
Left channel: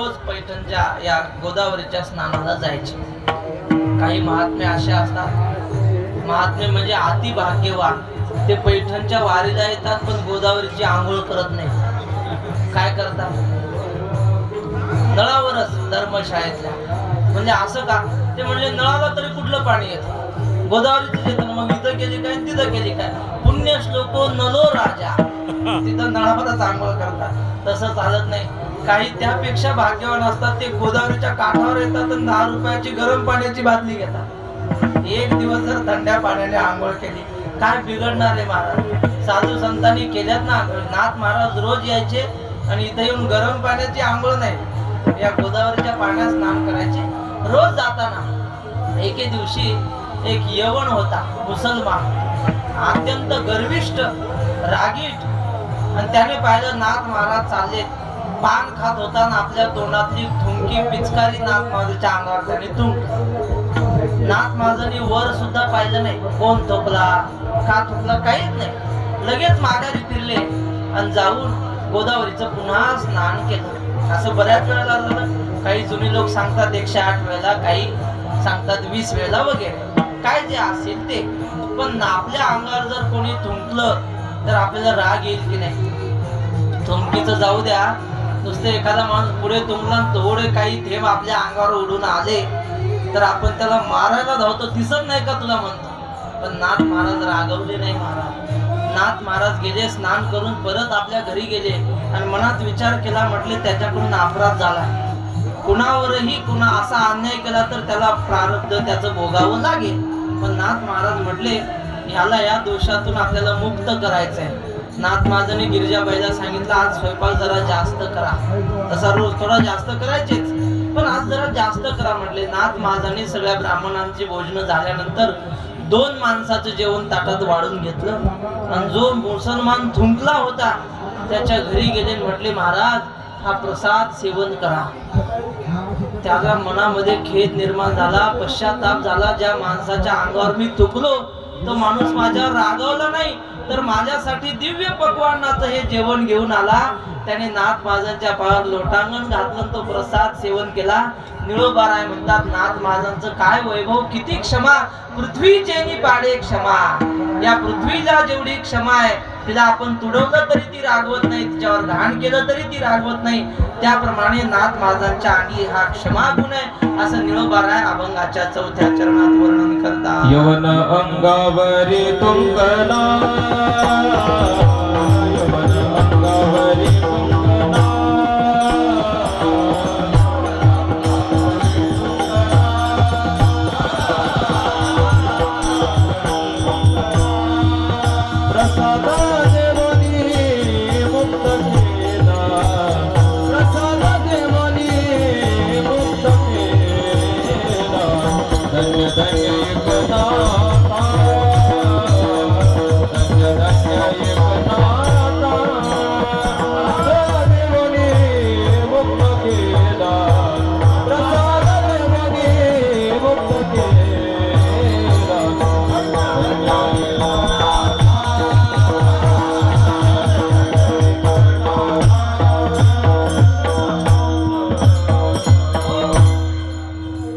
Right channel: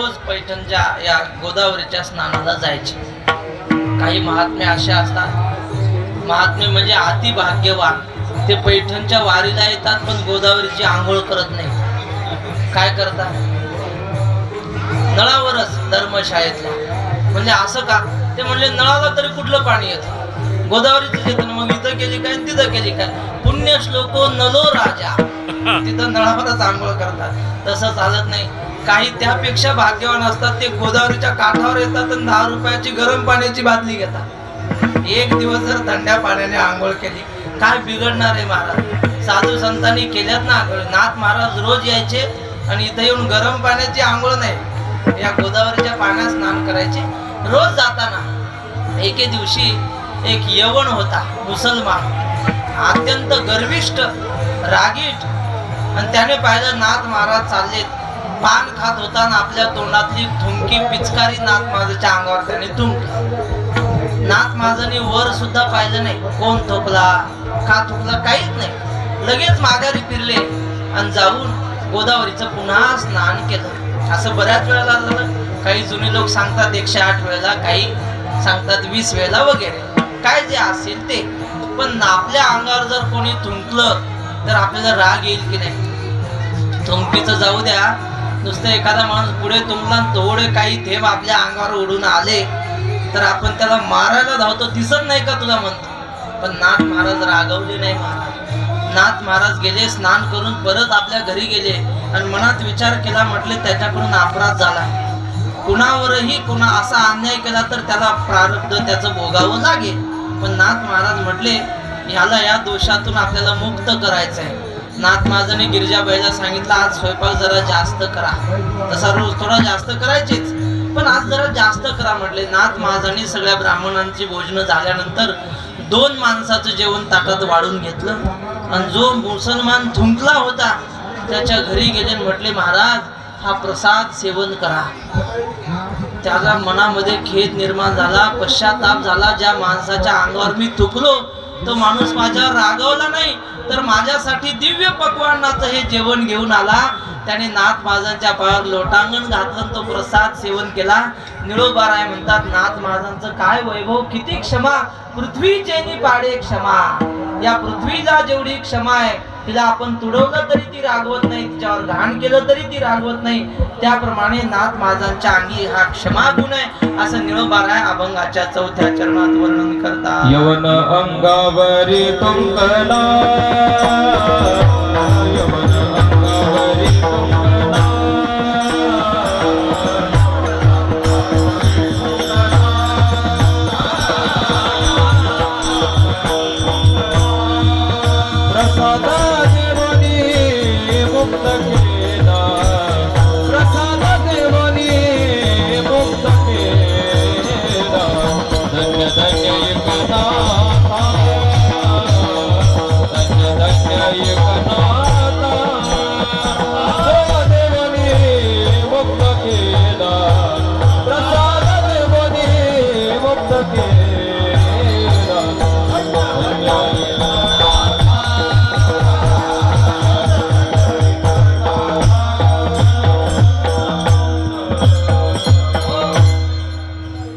रोज पैठणच्या या गोदावरीच्या स्नानाला जायचे. काही महात्मे असे असतात, महात्मे म्हणजे अति भाग्यवान, ते पैठणच्या वारीला येतात पण गोदावरीची आंघोळ करत नाही. काय करतात? नळावरच धर्मशाळेतल्या. म्हणजे असं का? ते म्हणजे नळाला तरी कुठलं पाणी येतं? गोदावरीच येतं ना. मग इथं केली काय तिथं केली काय? पुण्य श्लोको नलो राजा, तिथं नळावरच आंघोळ करतात. तसं चालत नाही. काही त्यापेक्षा भाग्यवान असतात, ते गोदावरीच्या काठावर येतात आणि 10 रुपयाची गरम पाण्याची बादली घेतात. एक दिवस जर थंड्या पाण्याने आंघोळ केली काय बिघडणार आहे महाराज? साधू संतांनी केल्यात ना आंघोळ. नाथ महाराज रोज यायचे आणि इथं येऊन गरम पाण्याची आंघोळ नाही, या गोदावरीच्या पाण्यात स्नान करायचे. रोज जाताना एके दिवशी एक यवन होता, मुसलमान, अत्यंत गर्विष्ठ, रागीट, आणि त्याने पाहिलं नाथ महाराज चाललेत. पान खात होताना आपल्या तोंडातली थुंकी पिचकारी नाथ महाराजांच्या अंगावर त्याने थुंकली. नाथ महाराजांनी वर सुद्धा पाहिलं नाही, कोण थोकला का थुकला काहीच नाही. लगेच माघारी फिरले आणि जाऊन गोदावरीचं पुन्हा स्नान केलं. असं बऱ्याच वेळेला झालं. काही जुने लोक सांगतात 108 वेळेला, काही सांगतात 20 वेळेला वगैरे, काय जे असेल ते. पण आपल्या अंगावर जर कोणी थुंकलं तर आपल्याला राग येईल की नाही? थुंकीचं जाऊ द्या, नुसतं एखादा माणूस पुढे तुंबला तेवढे काही थेंब आपल्या अंगावर उडून आले तर आपण त्याला मारायला धावतो. दिसत नाही का तुला म्हणतो. पण नाथ महाराज रागवले नाही. नाथ महाराज गेले, स्नान करून परत आपल्या घरी गेले आणि मनात विचार केला, म्हटले त्याच्याकडून अपराध झाला, कुणावरही कुणा असा अन्याय केला तर त्याला प्रारब्ध त्याचं भोगावं लागेल. पण नाथ महाराज म्हटले ह्याला या दोषातून आपल्याला मुक्त करायचंय. नाथ महाराजांनी गिरजाबाईला सांगितलं आज स्वयंपाक जरा जास्त करा. तसा रोज थोडा जास्त करायचेच, पण आज जरा जास्त करा म्हटले. नाथ महाराजांनी सगळ्या ब्राह्मणांची भोजन झाल्यानंतर 2 माणसाचं जेवण ताटात वाढून घेतलं आणि जो मुसलमान थुंकला होता त्याच्या घरी गेले. म्हटले महाराज हा प्रसाद सेवन करा. त्याला मनामध्ये खेद निर्माण झाला, पश्चाताप झाला. ज्या माणसाच्या अंगावर मी थुकलो तो माणूस माझ्यावर रागवला नाही तर माझ्यासाठी दिव्य पक्वान्नाचं हे जेवण घेऊन आला. त्याने नाथ महाराजांच्या पायावर लोटांगण घातलं, तो प्रसाद सेवन केला. निळोबाराय म्हणतात नाथ महाराजांचं काय वैभव, किती क्षमा, पृथ्वीचेनी पाडे क्षमा. या पृथ्वीला जेवढी क्षमा आहे तिला आपण तुडवलं तरी ती रागवत नाही, तिच्यावर घाण केलं तरी ती रागवत नाही. त्याप्रमाणे नाथ महाराजांच्या अंगी हा क्षमा गुण आहे असं निळोबाराय अभंगाच्या 4थ्या चरणात वर्णन करतात. यवन अंगावरी तुंकला, यवन अंगावरी तुंकला, प्रसाद देवनी मुक्त केला, प्रसाद देवनी मुक्त केला. धन्य धन्य एकनाथा, धन्य धन्य एकनाथा, प्रसाद देवनी मुक्त केला, प्रसाद देवनी मुक्त केला.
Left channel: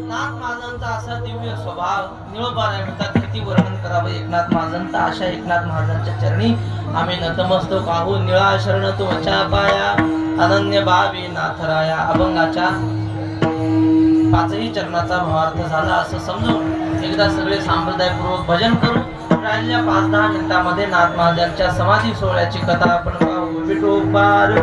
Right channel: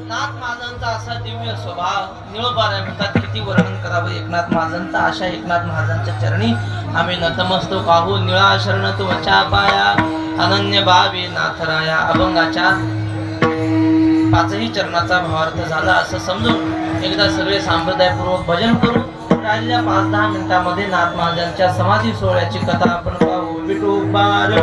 नाथ महाराजांचा असा दिव्य स्वभाव निळोबाराय म्हणतात किती वर्णन करावं एकनाथ महाराजांचा. अशा एकनाथ महाराजांच्या चरणी आम्ही नतमस्तक आहो. निळा शरण तुमच्या पाया, अनन्य भावी नाथराया. अभंगाच्या 5ही चरणाचा भावार्थ झाला असं समजून एकदा सगळे संप्रदायपूर्वक भजन करू. राहिलेल्या 5-10 मिनिटांमध्ये नाथ महाराजांच्या समाधी सोहळ्याची कथा आपण पाहू. विठोबार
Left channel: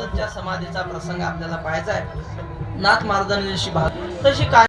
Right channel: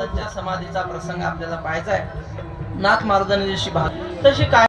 महाराजांच्या समाधीचा प्रसंग आपल्याला पाहायचा आहे. नाथ महाराजांनी जशी तशी काय